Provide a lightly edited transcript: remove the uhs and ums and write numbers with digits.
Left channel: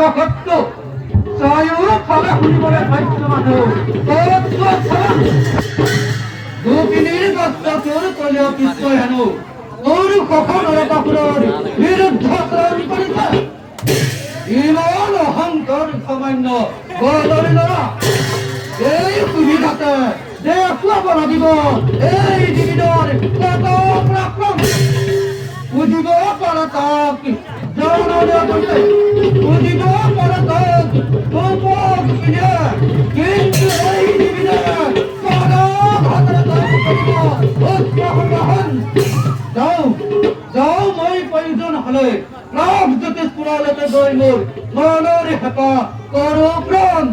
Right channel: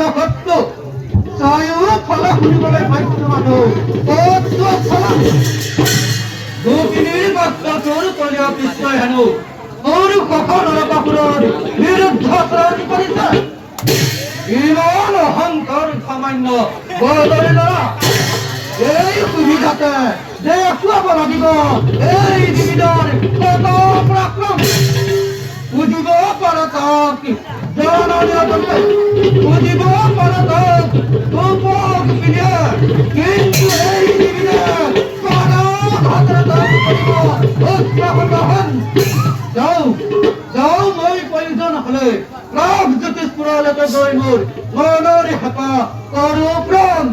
কৰা সত্য চাৰিওফালে শুনিবলৈ পাইছো মানুহ গোপিনীৰ কষ্ট তোৰ কলিয় পিছলৈ হেনো তোৰ কখন নৰকাসুৰৰ বিৰুদ্ধ আচৰণ কৰিছে ইমান অহংকাৰ সামান্য বৰদৰে ল'ৰা এই সুবিধাতে দেখুৱাব লাগিব এই জীৱনৰ পৰাক্ৰম বুজিব পাৰো তাক বুজিব পাৰো তাক গোপিনীয়ে কিন্তু এই জীৱনে যাওঁ মই প্ৰয়োজন হলে প্ৰাগ জ্যোতিষপুৰলৈকে গৈ মোৰ মনৰ হেঁপাহ কৰো প্ৰাণ